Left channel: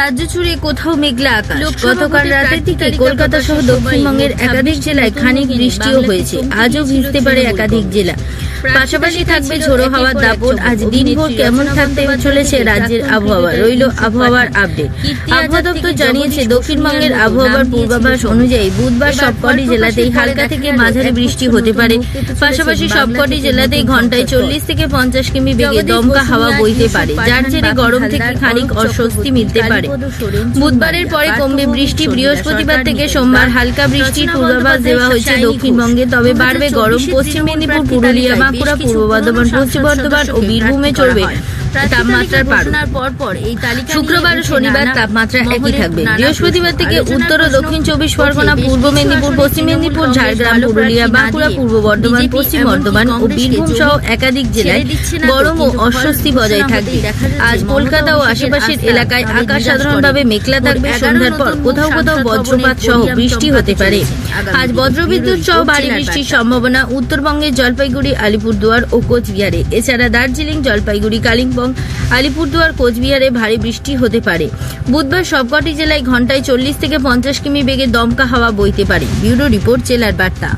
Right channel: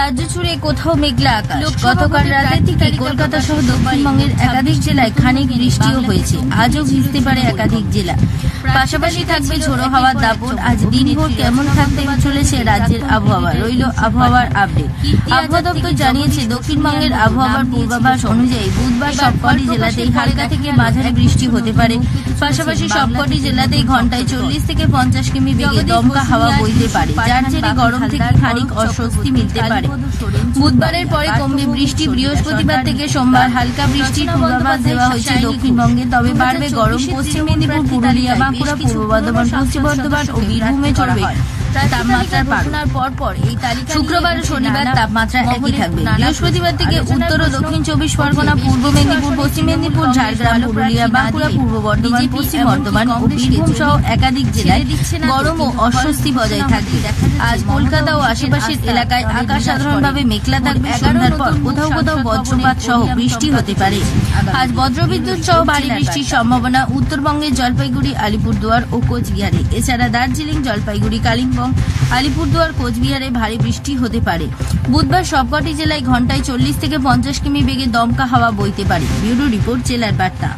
রাজ্য জুড়ে কোথাও মেঘলা আকাশ। গতকাল রাতের দিকে কলকাতা সহ দক্ষিণবঙ্গের একাধিক জেলায় খানিক বৃষ্টিও হয়েছে। আজও ভিজতে পারে একাধিক জেলা। পাশাপাশি থাকবে ঝোড়ো হাওয়ার দাপট। আজ দিনভর কেমন থাকতে চলেছে রাজ্যের আবহাওয়া, রইল আবহাওয়ার আপডেট। আবহাওয়া দপ্তর জানিয়েছে, দক্ষিণবঙ্গের আবহাওয়ার পূর্বাভাস অনুযায়ী বুধবার সবকটি জেলাতেই হালকা থেকে মাঝারি বৃষ্টি হতে পারে। পাশাপাশি সবকটি জেলাতেই ঘন্টায় 40 থেকে 50 কিমি বেগে দমকা হাওয়া বইতে পারে, যার জেরে গরম থেকে খানিক অস্বস্তি মিলতে পারে। বুধবারের পরে কমবে বৃষ্টি। বৃহস্পতিবার থেকে সোমবার হালকা বৃষ্টির পূর্বাভাস দেওয়া হয়েছে দক্ষিণবঙ্গে, তবে বাড়বে গরম। পশ্চিম মেদিনীপুর, পুরুলিয়া, বাঁকুড়া, পূর্ব বর্ধমান, পশ্চিম বর্ধমান ও বীরভূমে চলবে তাপমাত্রার পর এই তালিকা। শুক্রবার ও শনিবার তাপমাত্রা একই থাকবে। বৃহস্পতিবার থেকে উত্তর ও দক্ষিণ 24 পরগনা, পূর্ব মেদিনীপুর, পশ্চিম মেদিনীপুর, ঝাড়গ্রাম, পুরুলিয়া, বাঁকুড়া, পূর্ব বর্ধমান, পশ্চিম বর্ধমান ও বীরভূম সহ একাধিক জেলায় গরম ও অস্বস্তি বজায় থাকবে। আজ কলকাতা ও আশেপাশের এলাকায় আকাশ সাধারণভাবে মেঘলা থাকবে। সন্ধ্যার পর কোথাও কোথাও বজ্রপাত সহ বৃষ্টি হতে পারে। আজ বজ্রবিদ্যুৎ সহ ভারী বৃষ্টির সম্ভাবনা উত্তরবঙ্গের জলপাইগুড়ি, আলিপুরদুয়ার ও কোচবিহারে। এছাড়া দার্জিলিং, জলপাইগুড়ি, কালিম্পং, আলিপুরদুয়ার, কোচবিহারে ভারী বৃষ্টি হতে পারে। বুধবার সবকটি জেলায় ঘন্টায় 40 থেকে 50 কিমি বেগে দমকা হাওয়া বইতে পারে। ব্যুরো রিপোর্ট, জেলার বার্তা।